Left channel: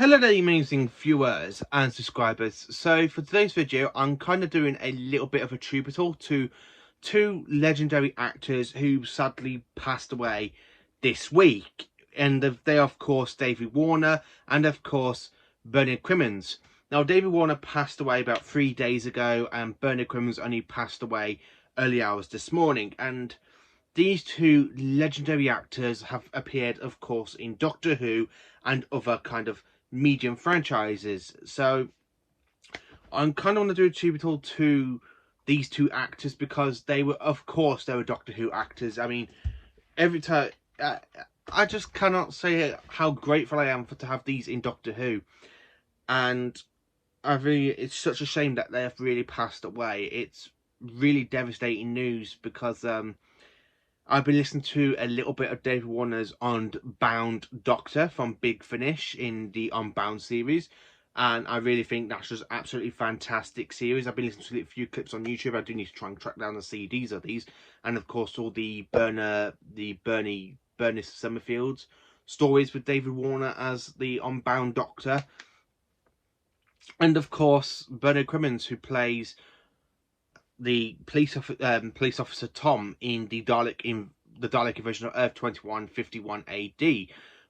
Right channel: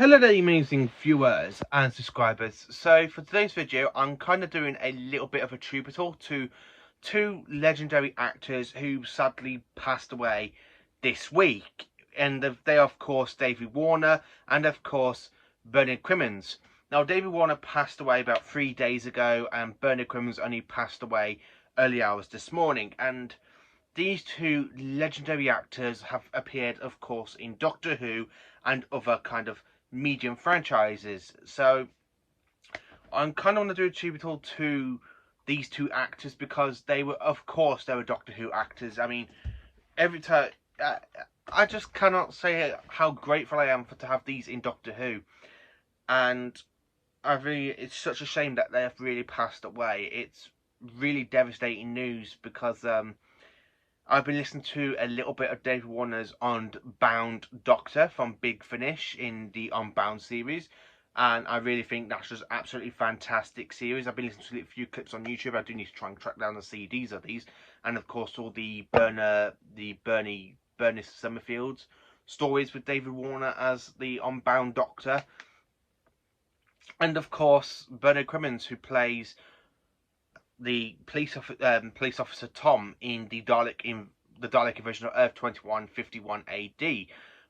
Hello there, amazing viewers and subscribers. So for today's video, I'm kind of doing a little bit of a tribute to two legendary actors who sadly passed away this week. And they are, of course, David Warner and, of course, Bernard Cribbins. Now, David Warner passed away about 3 days ago, and Bernard Cribbins only passed away early hours this morning. And these two legendary actors have appeared, of course, in Doctor Who and other kind of medium franchises. So I'm kind of want to do a tribute to these two actors because they were, of course, they were Doctor Who actors. I mean, every time I just cannot say how grateful I am to have these in Doctor Who, and it's such a shame that they have really passed away. It's really devastating news because I've been listening to a little bit of David Warner's Unbound Doctor from Big Finish in the Unbound series, and I really think that's just absolutely fantastic series. I've been listening to a few clips on YouTube. I do need to try and track down the CDs of these, and of course all the Bernie Summerfield's stories with David Warner as the Unbound Doctor, and of course Bernard Cribbins, who plays the police officer Tom in the Dalek invasion of Earth 2151 AD,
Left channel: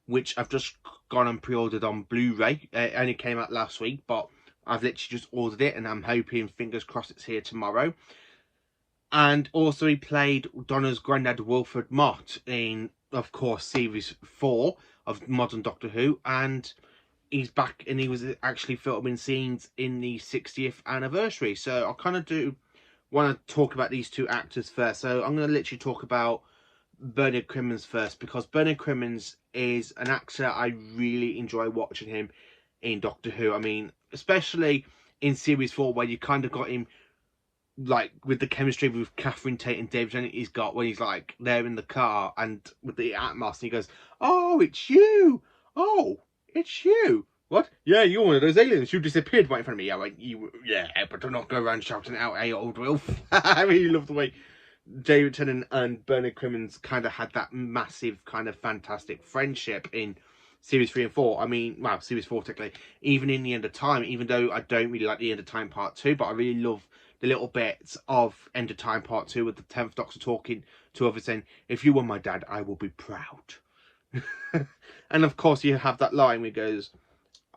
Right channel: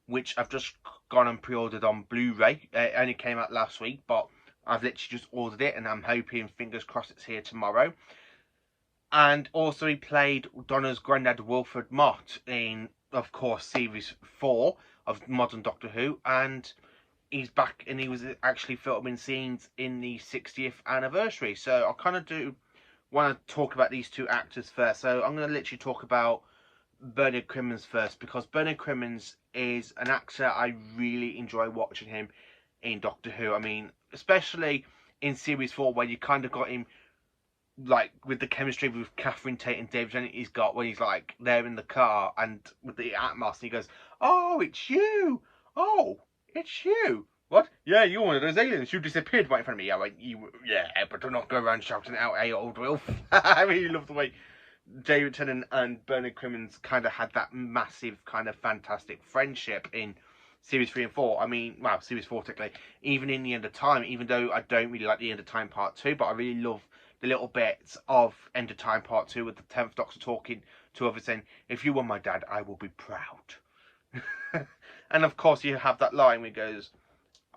which I've just gone and pre-ordered on Blu-ray. It only came out last week, but I've literally just ordered it, and I'm hoping, fingers crossed, it's here tomorrow. And also he played Donna's granddad Wilfred Mott in, of course, series 4 of modern Doctor Who, and he's back, and he was actually filming scenes in the 60th anniversary. So I kind of want to talk about these two actors first. So I'm going to literally talk about Bernard Cribbins first, because Bernard Cribbins is an actor I really enjoy watching him in Doctor Who. I mean, especially in series 4, where you kind of got him like with the chemistry with Catherine Tate and David Tennant he's got when he's like there in the car and with the Atmos, and he goes, "Oh, it's you! Oh, it's you! What? Yeah, you're one of those aliens. You disappeared right in front of me." Yeah, like, yeah, but do not go around shouting out, "Hey, old Wilf." I really love the way David Tennant and Bernard Cribbins kind of had that massive, kind of fantastic friendship in series 3 and 4. I mean, well, series 4 technically. Even in The End of Time, even though I don't really like The End of Time Part 2, but I really love the little bits of End of Time Part 2 with the 10th Doctor talking to others saying, "If you were my dad, I will be proud." And of course, you have that line where he goes,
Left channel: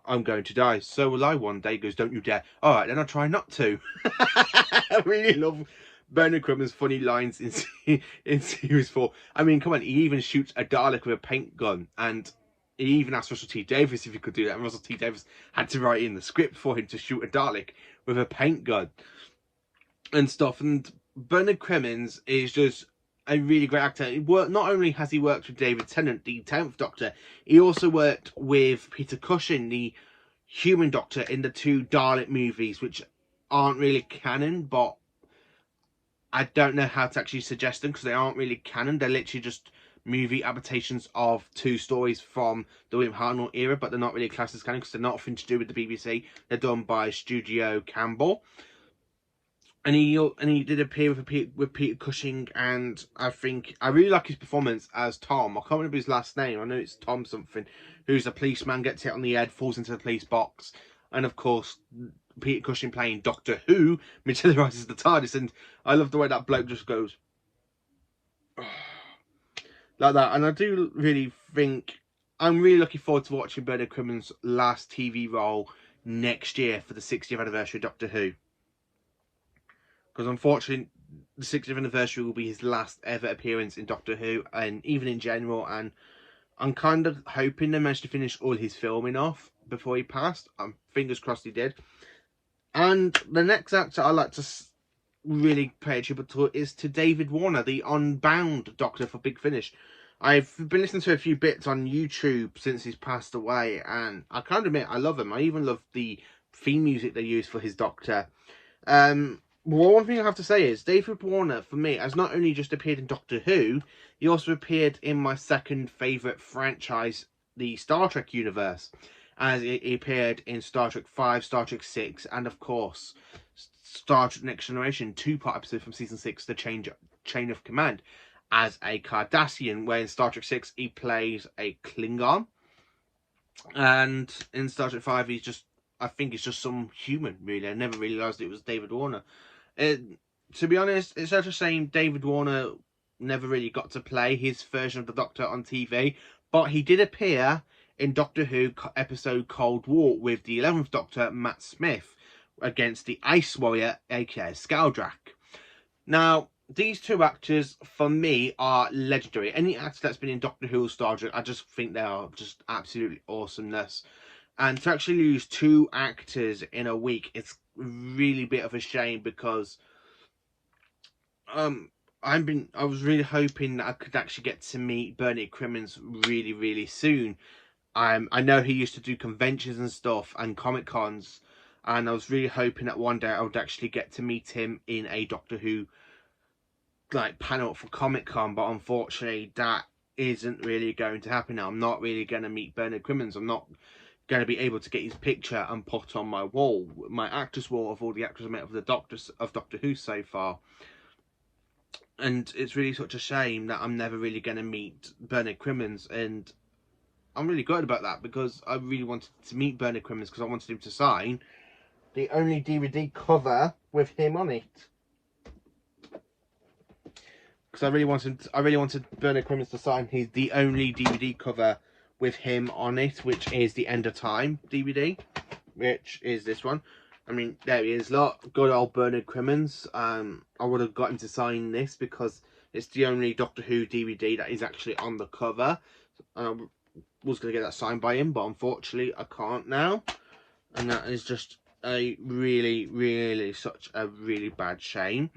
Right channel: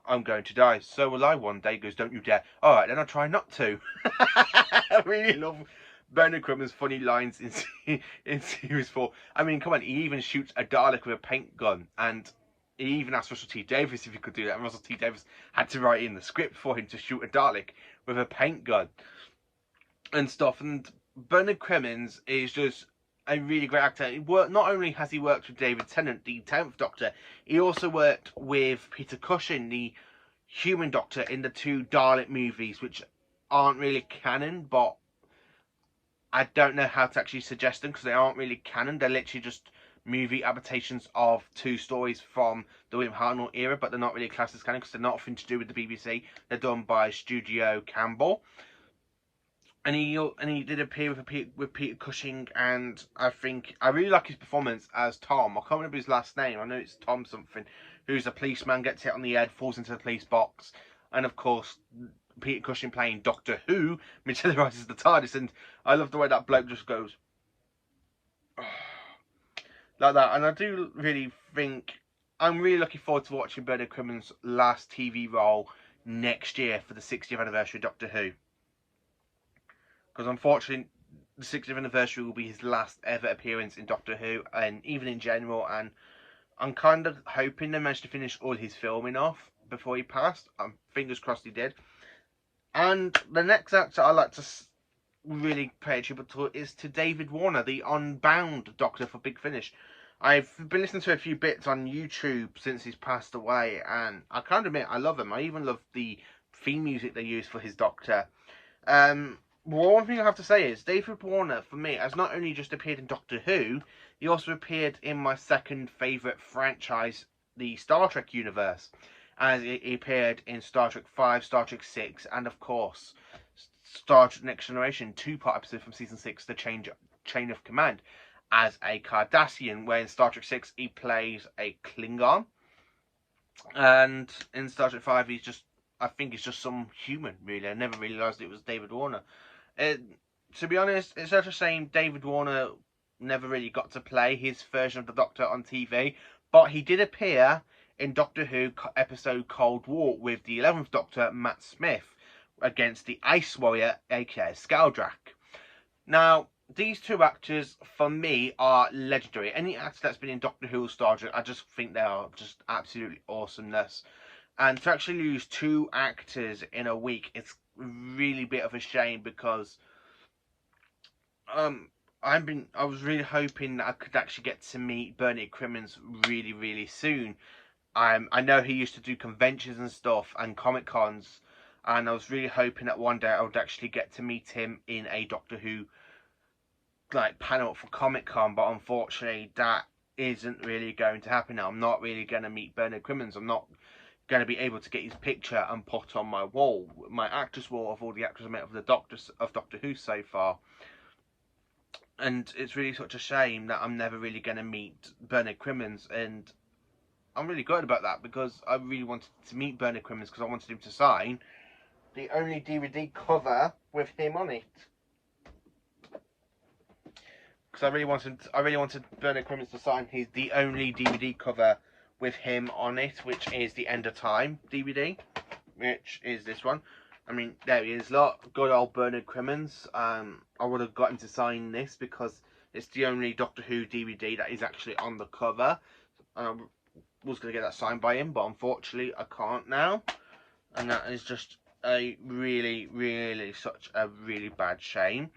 "I'm going to die, so will I one day." He goes, "Don't you dare." All right, then I'll try not to. I really love Bernard Cribbins' funny lines in series 4. I mean, come on, he even shoots a Dalek with a paint gun, and he even asked Russell T Davies if he could do that, and Russell T Davies had to write in the script for him to shoot a Dalek with a paint gun and stuff. And Bernard Cribbins is just a really great actor. Not only has he worked with David Tennant, the 10th Doctor, he also worked with Peter Cushing, the Human Doctor, in the 2 Dalek movies, which aren't really canon, but I don't know how to actually suggest them because they aren't really canon. They're literally just movie adaptations of 2 stories from the William Hartnell era, but they're not really classed as canon because they're not nothing to do with the BBC. They're done by Studio Campbell. And he did appear with Peter Cushing, and I think I really like his performance as Tom. I can't remember his last name. I know it's Tom something, who's a policeman, gets hit on the head, falls into the police box, and of course Peter Cushing playing Doctor Who materializes the TARDIS, and I love the way that bloke just goes like that. And I do really think I'm really looking forward to watching Bernard Cribbins' last TV role next year for the 60th anniversary of Doctor Who. Because unfortunately, the 60th anniversary will be his last ever appearance in Doctor Who, and even in general. And I'm kind of hoping they managed to finish all his filming off before he passed. Fingers crossed he did. And the next actor I like to really pay a tribute to is to David Warner, the Unbound Doctor for Big Finish. I've been listening to a few bits on YouTube since he's passed away, and I can't admit I love him. I even love the theme music they use for his Doctor. Well, one thing I have to say is David Warner, for me, has not only just appeared in Doctor Who, he also appeared in my second favourite franchise, the Star Trek universe, as he appeared in Star Trek 5, Star Trek 6, and of course, Star Trek Next Generation, 2-part episode from Season 6, The Chain of Command, as a Cardassian, where in Star Trek 6 he plays a Klingon. And in Star Trek 5, he's just, I think it's just some human, really. I never realised it was David Warner. To be honest, it's such a shame David Warner never really got to play his version of the Doctor on TV, but he did appear in Doctor Who episode Cold War with the 11th Doctor, Matt Smith, against the Ice Warrior, aka Skaldrak. Now, these two actors, for me, are legendary. Any actor that's been in Doctor Who or Star Trek, I just think they are just absolutely awesomeness. And to actually lose two actors in a week, it's really a bit of a shame, because I was really hoping that I could actually get to meet Bernard Cribbins really soon. I know he used to do conventions and stuff and Comic Cons, and I was really hoping that one day I would actually get to meet him in a Doctor Who like panel for Comic Con, but unfortunately that isn't really going to happen now. I'm not really going to meet Bernard Cribbins. I'm not going to be able to get his picture and put on my wall, my actors wall of all the actors I met of the Doctors of Doctor Who so far. And it's really such a shame that I'm never really going to meet Bernard Cribbins, and I'm really good about that, because I really wanted to meet Bernard Cribbins because I wanted him to sign the only DVD cover with him on it. Because I really wanted Bernard Cribbins to sign the only DVD cover with him on it, which is the End of Time DVD, which is this one. I mean, there he is, look, good old Bernard Cribbins. I would have got him to sign this because it's the only Doctor Who DVD that is actually on the cover. I was going to get that signed by him, but unfortunately I can't now. And that is just a really such a really bad shame.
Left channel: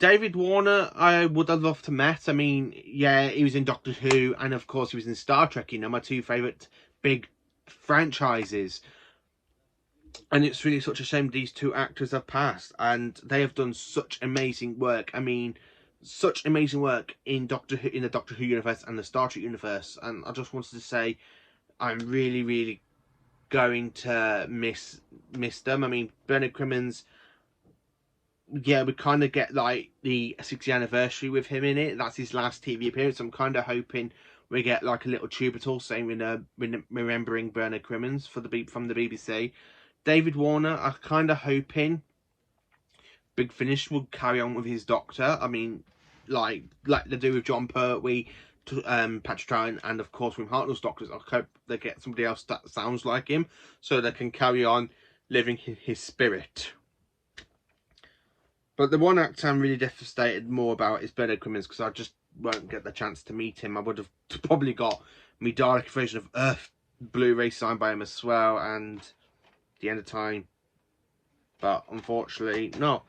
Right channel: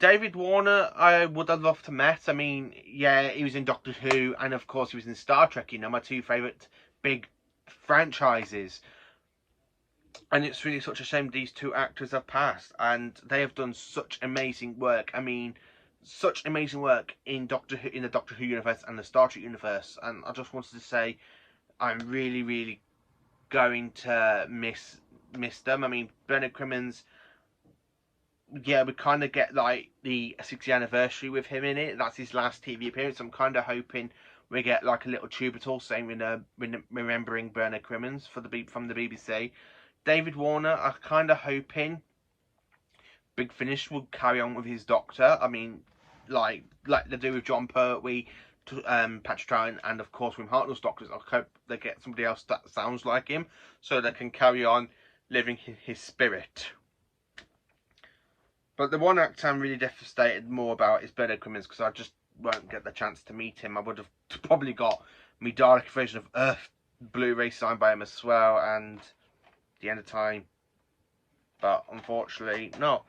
David Warner, I would have loved to met. I mean, yeah, he was in Doctor Who, and of course he was in Star Trek, you know, my two favourite big franchises. And it's really such a shame these two actors have passed, and they have done such amazing work. I mean, such amazing work in the Doctor Who universe and the Star Trek universe. And I just wanted to say, I'm really going to miss them. I mean, Bernard Cribbins, yeah, we kind of get like the 60th anniversary with him in it. That's his last TV appearance. I'm kind of hoping we get like a little tubital saying remembering Bernard Cribbins from the BBC. David Warner, I'm kind of hoping Big Finish will carry on with his Doctor. I mean, like they do with John Pertwee, Patrick Troughton, and of course with Hartnell's Doctors. I hope they get somebody else that sounds like him, so they can carry on living in his spirit. But the one actor I'm really devastated more about is Bernard Cribbins, because I just won't get the chance to meet him. I would have probably got me Dalek version of Earth Blu-ray signed by him as well, and the End of Time, but unfortunately not.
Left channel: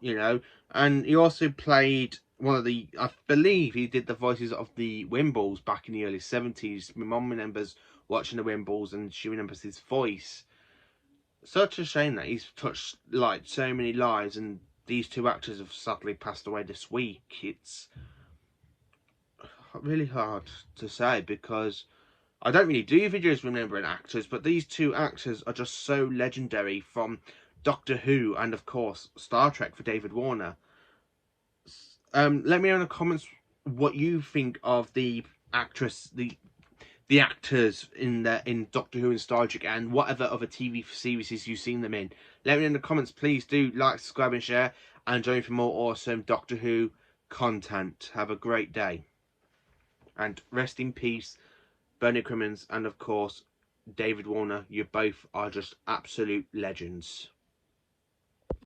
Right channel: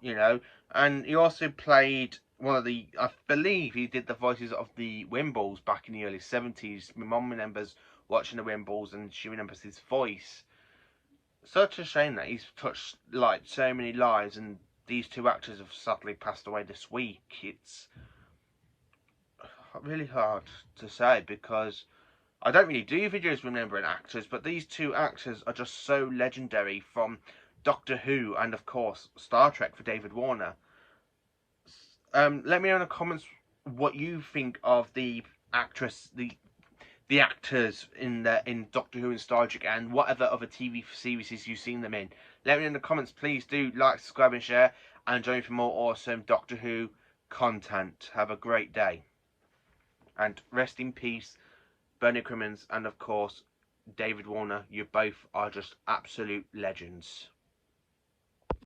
You know, and he also played one of the, I believe he did the voices of the Wimbles back in the early 70s. My mum remembers watching the Wimbles and she remembers his voice. Such a shame that he's touched like so many lives, and these two actors have sadly passed away this week. It's really hard to say, because I don't really do videos remembering actors, but these two actors are just so legendary, from Doctor Who and of course Star Trek for David Warner. Let me know in the comments what you think of the actors in Doctor Who and Star Trek, and whatever other TV series you've seen them in. Let me know in the comments. Please do like, subscribe and share, and join for more awesome Doctor Who content. Have a great day, and rest in peace Bernard Cribbins, and of course David Warner. You both are just absolute legends.